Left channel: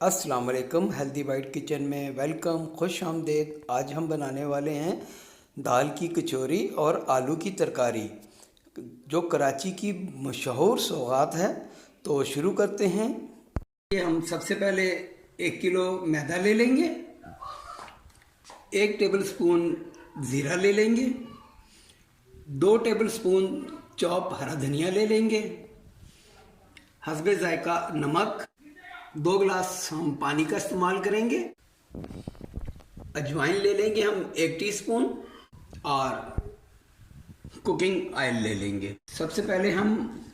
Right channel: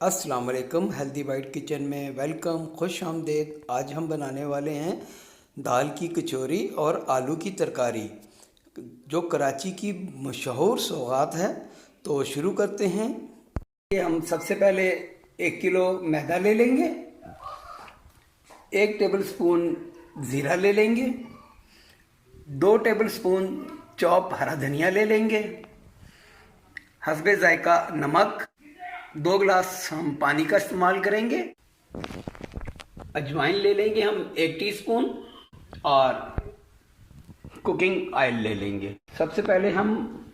अस्सलाम वालेकुम। Healthy bite kitchen में वेलकम, खुश आमदेद। आज हम बनाने वाले हैं दाल की कचौरी और आलू की तरकारी, जो कराची की मशहूर सौगात है। तो शुरू करते हैं। ये हम सबसे पहले 1 किलो मैदा ले लेंगे, 1 टेबल स्पून ज़ीरा ले लेंगे, 2 टेबल स्पून चॉप हरा धनिया ले लेंगे, हस्बे जायका नमक, 2 गिलास हम पानी का इस्तेमाल करेंगे। अजवाइन ले लेंगे हम 1 टीस्पून और कुकिंग ऑयल ले लेंगे। सबसे पहले हम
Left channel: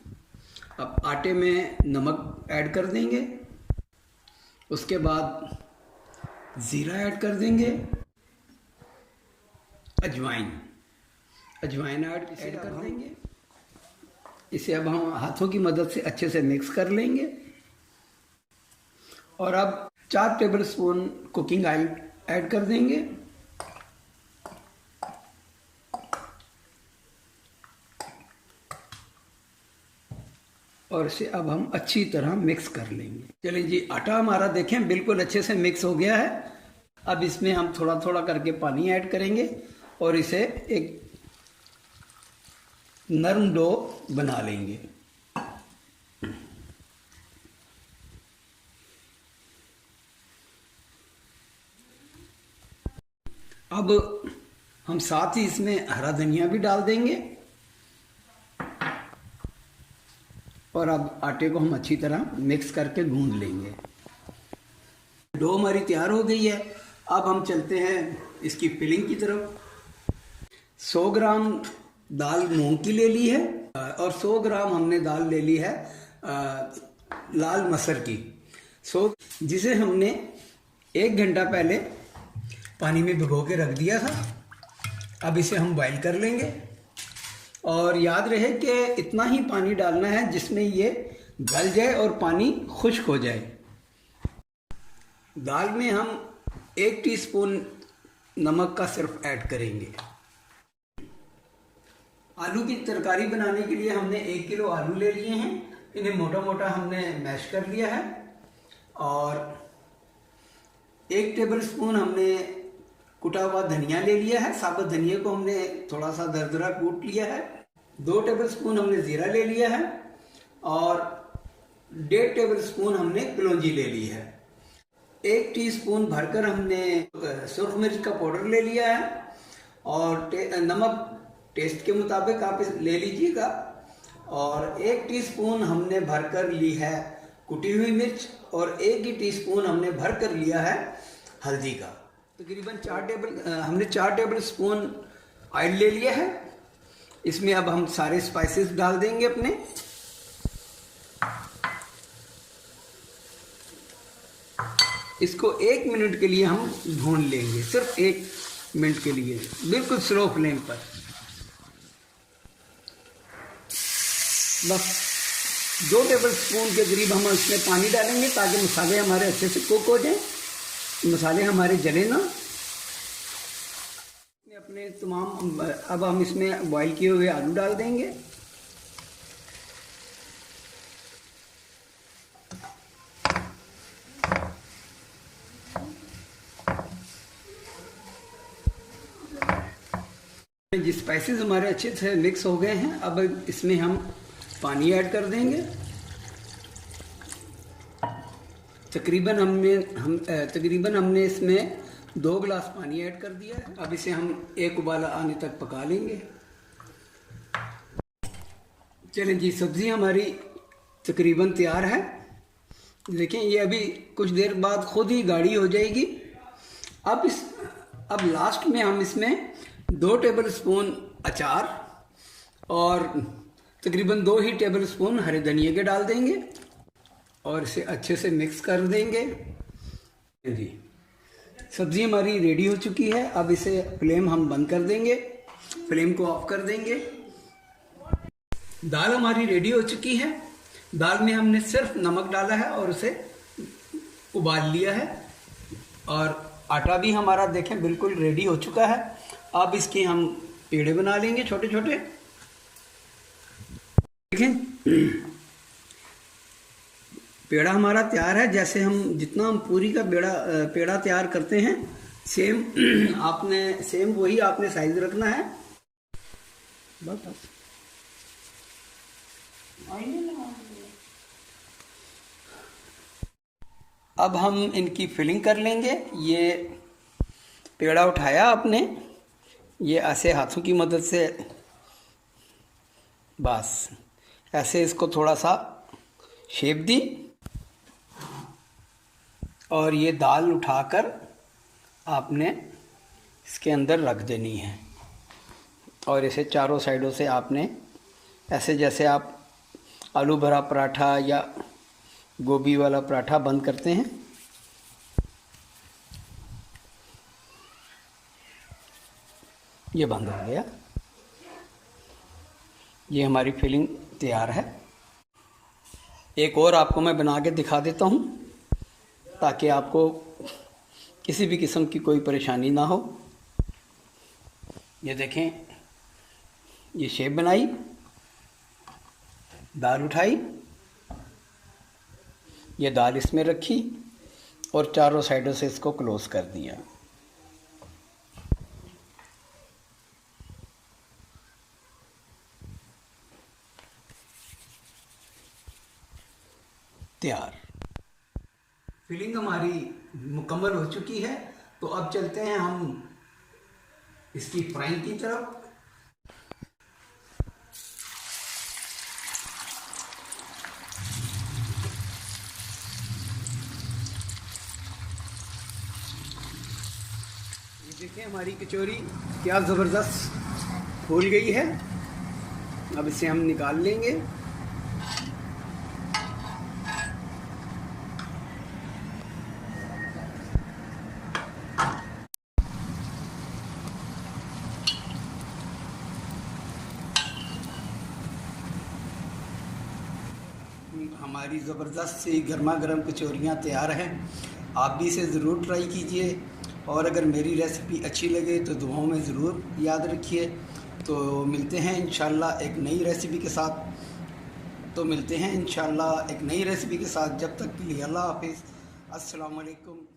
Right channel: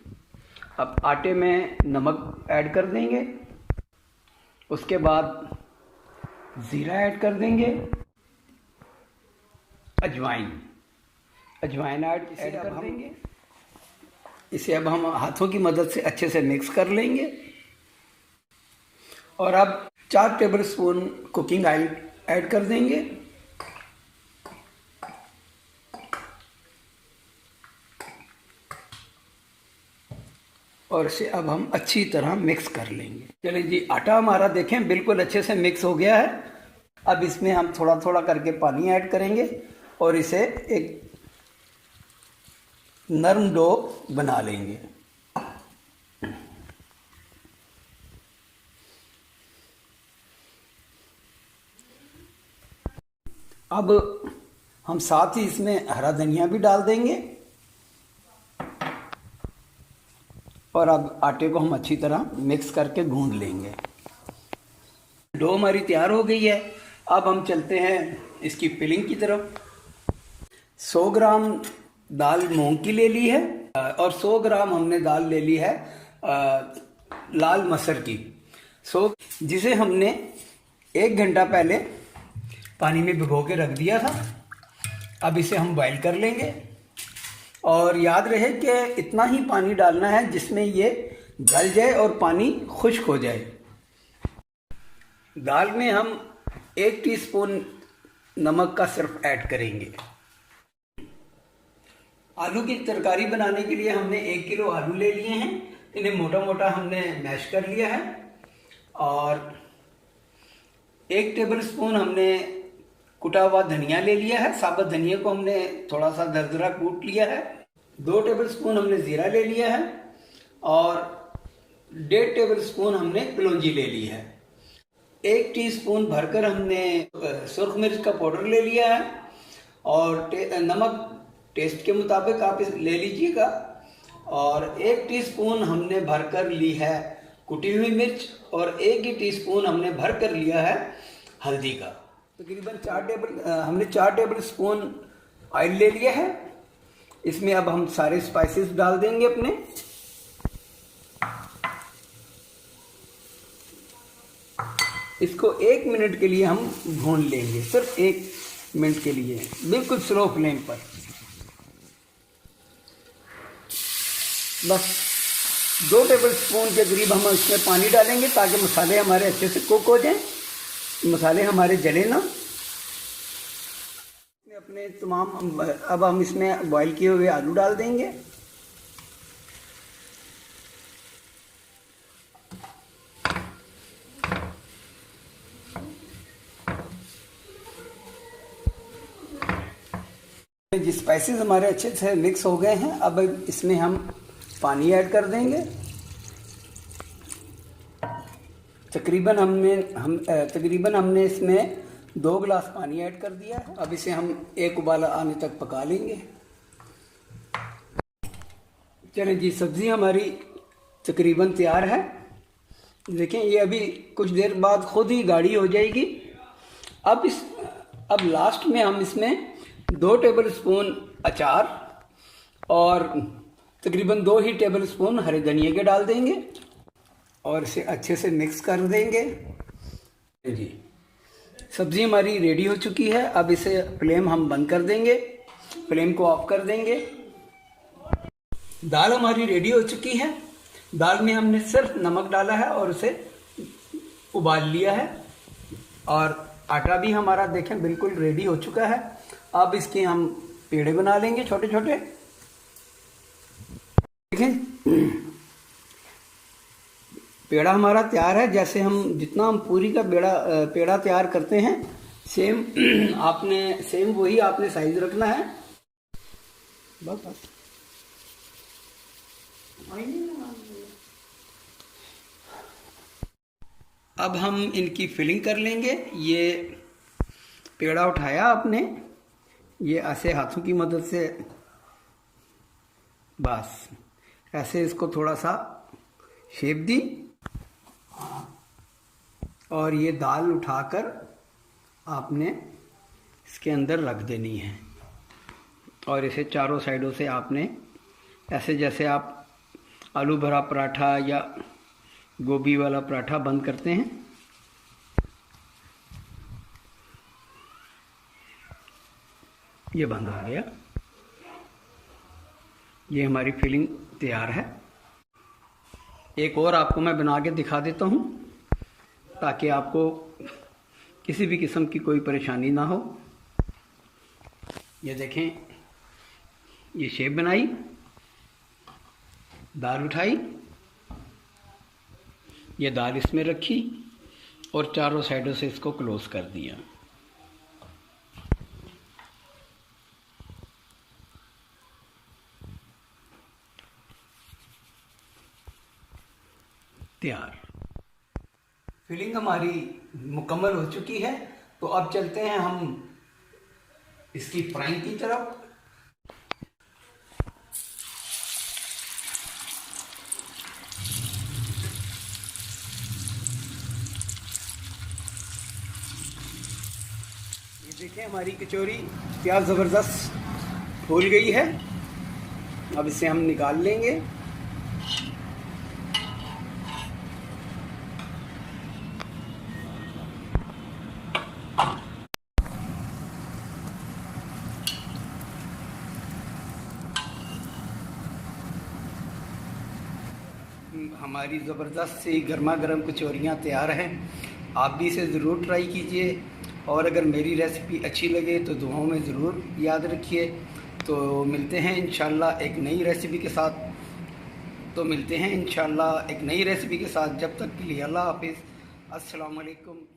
अब आटे में नमक ऐड कर देंगे, उसके बाद ज़ीरा ऐड कर देंगे, अजवाइन ऐड कर देंगे। इसे अब हम हाथों की मदद से अच्छे से मिक्स कर लेंगे और अब 4 table spoon cooking oil add कर देंगे। और इसे अब हम अच्छी तरह मिक्स कर लेंगे। चलिए जी, आटा हमारा देखें बिल्कुल अच्छे से मिक्स हो गया है। अब इसमें हम थोड़ा थोड़ा करके पानी ऐड करेंगे और इसे एक नरम डो बना लेंगे। अब हम साथ ही इसमें हरा धनिया भी डाल देंगे और अब आटे को हम अच्छी तरह मिक्स करके गूंद लेंगे। डो हमारी तैयार हो गई है। अब हम चलते हैं इसकी फिलिंग की तरफ। 100 ग्राम दाल मूंग की ले ली है और 100 ग्राम हमने दाल ले ली है लाल मसर की, जिसे हमने 1 घंटा पहले पानी में भिगो के रख दिया था। अब इसे हम बॉईल कर लेंगे और याद रहे कि इतना ही पानी डालना है जिसमें ये गल जाए और पानी खुश्क हो जाए। दाल में हम 1 टीस्पून नमक का सिर्फ ऐड करेंगे। आलू की तरकारी बनाने के लिए हमने 1 किलो आलू ले लिए हैं। इन्हें मोटा मोटा हमने मैश कर लिया है और 1 टेबल स्पून हमने कुटा हुआ धनिया ले लिया है। साबुत धनिया को हमने थोड़ा सा दरदरा कूट लिया है। 2 टेबल स्पून हमने ज़ीरा ले लिया है और 1.5 टेबल स्पून हमने कलौंजी ले ली है। 1 टीस्पून भरकर हमने सुर्ख मिर्च का पाउडर ले लिया है और नमक टेस्ट के मुताबिक आप ले लीजिएगा। और 1 टीस्पून हमने भरकर ली है कुटी हुई मिर्च और 1 ही टीस्पून हमने भरकर लिया है हल्दी का। तकरीबन 4 टेबल स्पून ऑयल ले लिया है। इसमें अब हम सारे स्पाइसेस डाल देंगे अपने। इसको 1 मिनट के लिए हम भून लेंगे, सिर्फ 1 मिनट के लिए, बिल्कुल स्लो फ्लेम पर। बस 2 टेबल स्पून के करीब हम इसमें पानी डालेंगे ताकि मसाले हमारे अच्छे से कुक हो जाएं, मसाले हमारे जले ना। अपने तमाम अब हम इसमें बॉईल किए हुए आलू डाल देंगे। ये स्पाइसेस हमारे अच्छे से मिक्स हो गए हैं। अब इसमें हम पानी ऐड कर देंगे। तकरीबन हमने इसमें 2 गिलास पानी ऐड कर दिया है। अब इसे हम एक उबाला आने तक पका लेंगे। चलिए जी, सब्ज़ी हमारी तकरीबन तैयार है। देखें, ये अभी कुछ देर बाद खुद ही गाढ़ी हो जाएगी। अब लास्ट में हम इसमें 2 टेबल स्पून अचार और तकरीबन 2 ही टेबल स्पून हरे धनिया के डाल देंगे और इसे अच्छे से मिक्स कर देंगे। जी, सब्ज़ी हमारी रेडी हो चुकी है। अब इसे फ्लेम हम बंद कर देंगे, फ्लेम को ऑफ कर देंगे। दाल हमारी रेडी हो चुकी है। दाल में हमने सिर्फ नमक डाला है और उसे उबाल लिया है और आटा भी हमारा देखें बिल्कुल रेडी हो चुका है। अब इसके हम पेड़े बना लेंगे छोटे छोटे। देखें, पेड़ा हमारा तैयार है। जैसे हम जितना हम पूरी का पेड़ा तैयार करते हैं सेम सेम वही आपने साइज रखना है। अब हम इनकी फिलिंग कर लेंगे। ये पेड़ा उठाया आपने, ये ऐसे हाथों की मदद से बस ऐसे इसको थोड़ा सा शेप दी और ये दाल उठाकर आपने इसके अंदर रख देनी है और इसे चारों साइडों से आपने ऐसे जैसे आप आलू भरा पराठा या गोभी वाला पराठा बंद करते हैं, ये बंद हो गया। ये हमारी फिलिंग तैयार है। एक और आपको मैं बना के दिखा देता हूँ ताकि आपको किसी भी किस्म की कोई परेशानी ना हो। ये देखें, ये शेप बनाई, दाल उठाई, ये दाल इसमें रखी और चारों साइडों से इसको क्लोज कर दिया। तैयार। फिलिंग हमारी मुकम्मल हो चुकी है। तो अब चलते हैं हम इसकी फ्राइंग की तरफ। ये देखिए हमारी कचौरी क्या ज़बरदस्त फूल गई है। अब इसे हम निकाल लेंगे। हमारी ज़बरदस्त सी गर्मा गर्म कचौरियाँ तैयार हैं। आप भी इसे ज़रूर ट्राई कीजिए और अगर मेरी रेसिपी अच्छी लगे तो दुआओं में ज़रूर याद रखिए। तो मिलते हैं इंशाल्लाह एक नई रेसिपी के साथ। जब तक के लिए अल्लाह हाफिज़। अस्सलाम वालेकुम।